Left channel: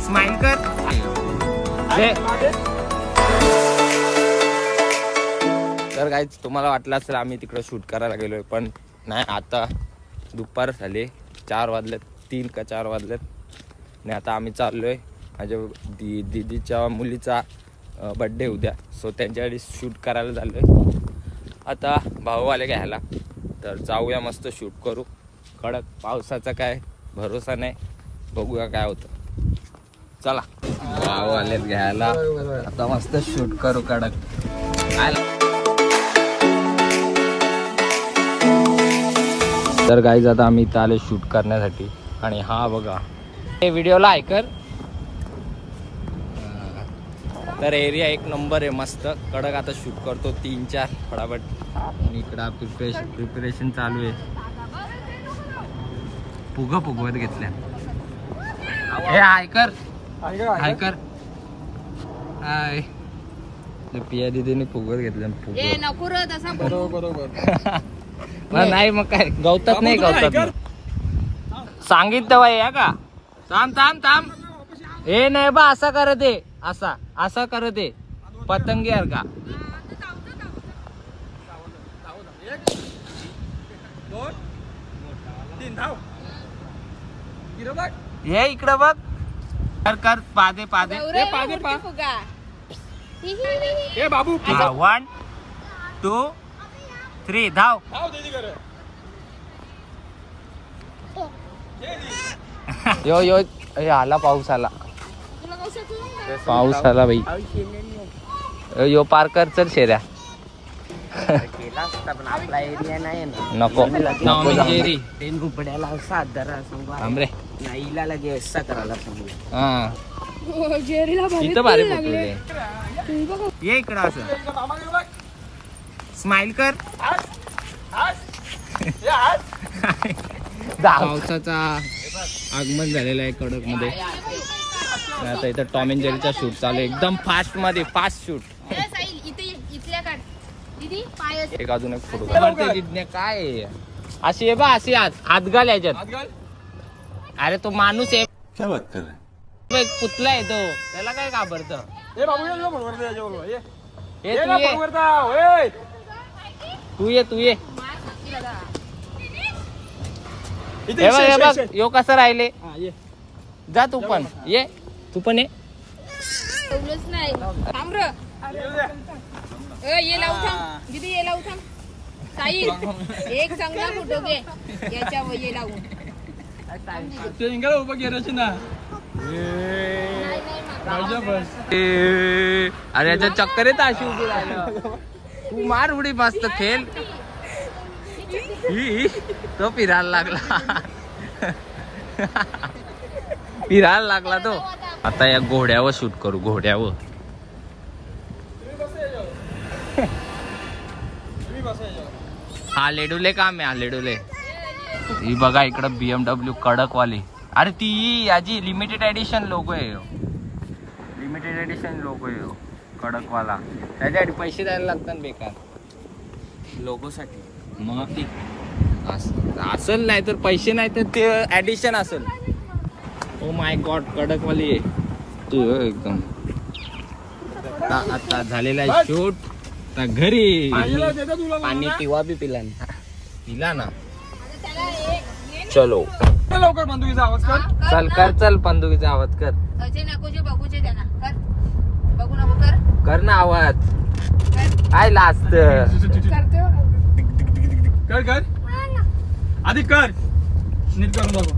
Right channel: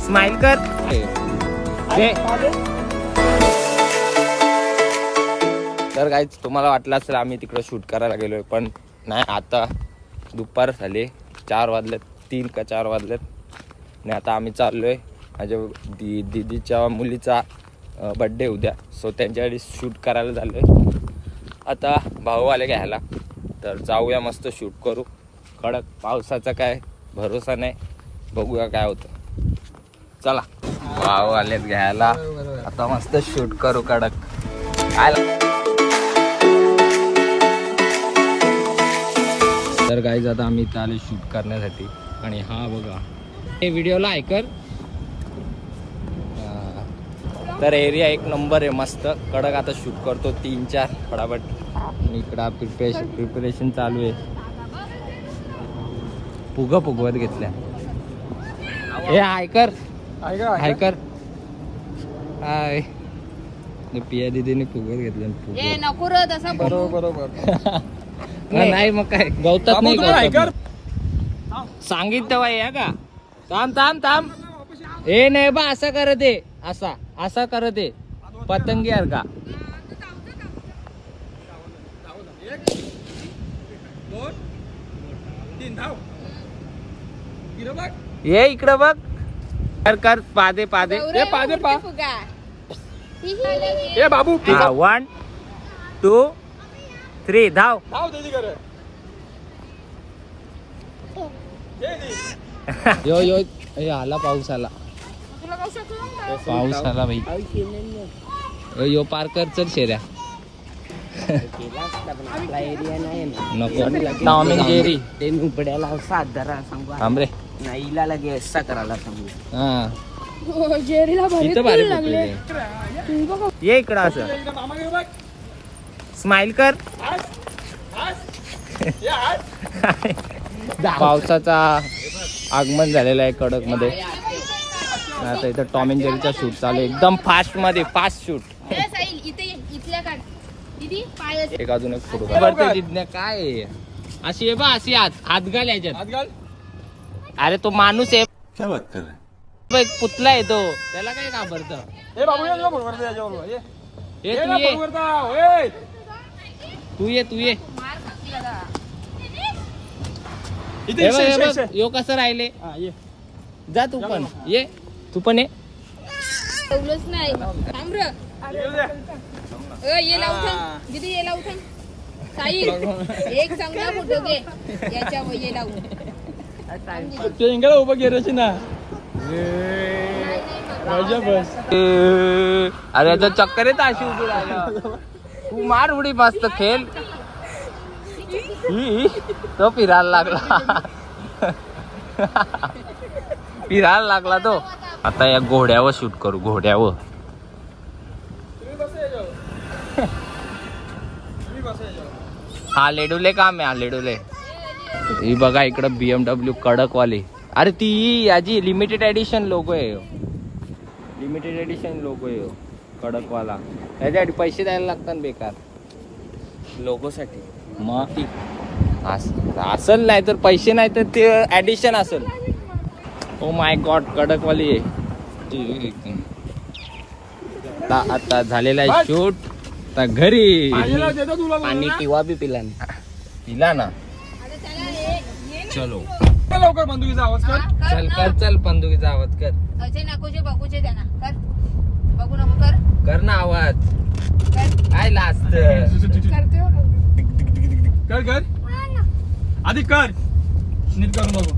Smile कर. तर guys तुम्हाला वाटलं असेल आम्ही तिकडं शूट करायला गेलोय, पण नाही. आता दुपार झाले, 4 वाजलेत, 3 का 4 वाजलेत. आणि आता आम्ही चाललोय माझ्या दीदीच्या मुलीचा बर्थडे उद्या. सो त्यांच्यासाठी शूट करायला चाललोय. आता भाऊ आले घ्यायला, तर जाऊया, मस्त शूट करू. कडक पावसाचा काय भरोसा नाही, बघूया काय होतं. चला, भाऊ आलेत घ्यायला, आता मस्त शूट करू कडक. तर गाईज आता आम्ही इथं आले शूट करण्यासाठी. आणि हा बघा, हे व्हिडिओला ऐकर. तर एरिया एक नंबर आहे, मस्त कडक. आता शूट करतो 3-4 फटाफट. आणि इकडं प्रिपरेशन चालू आहे. फुगवत घेतल्या. हे ऐकर ऐकर. हाय, पिया दीदीने फुगवत घेतल्या. बरोबर. नाही मग काय गवतात नाही, गवतात सांगितलं बाई या का. थांब. हे नाही बा, असा कर दे, असा कर दे पतंगी यार का. 1, 2, 3 धाव. ये इकडं बघ. कर पादे ए बाबू 1, 2, 3 धाव. यो आला, पाऊस आला बाई. यो पार कर, चल शेऱ्या. केला असता पण आपला एरिया नाही ना. नको जेरी ते नुपड्याला साधारा सांगू आमरे नाहीला लगे असा करायला सांगू. हा इथं भारी फोटो. ये इकडं असं स्माइल कर. पावसाचा आगमन झालेला आहे कडक मध्ये. आता इथं टॉम अँड जेरीचा शूट चालू आहे, एकदम फास्ट मध्ये, फास्ट शूट. एक अजून एक फोटो काय अशी आहे बा, अशी हात घाल याच्यात. अरे तो माणूस आहे, क्या बात कर रहा है? पुतला आहे तो, त्याला काय घाबरत. तू ये हे बघ यो कसं राहिले. जा तू पण ये, तू पण ये. ये लावू साई एक चांगला फोटो घे याच्यावर. ये लावू उभं गेल्याची ना. अरे याच्या चक्कर येत अशी उभी राहिलं. तू मार उडी, मस्त खेळ. तो फिरायला लागला तो. आता या घोड्यावर शूट करू, घोड्यावर. हा लेडुले काम आहे, हा लेडुले. ही बघा इकडं BMW कडक वाली. अरे ती याची लिमिटेड एडिशन लोगो आहे, लिमिटेड एडिशन लोगो आहे कडक वाला. त्याच्यासाठी पैसे द्यायला लागतात बेकार लोगो साठी. मग असल, नाही तर पैसे नाही तर ते ऍडिशन असेल. ओ माय गॉड, कडक वाली आहे एकदम. आता झालेला आहे शूट. आता घरी पाणी टिवा बी पिला ना. चलो लवकर बंदुकीचा आवाज कर. चल बंदुकीचा आवाज कर. बघूचे त्यांना कर, बघू नको कर ना आवाज. काय लास्ट कर आधी कर, नीट करून बघू.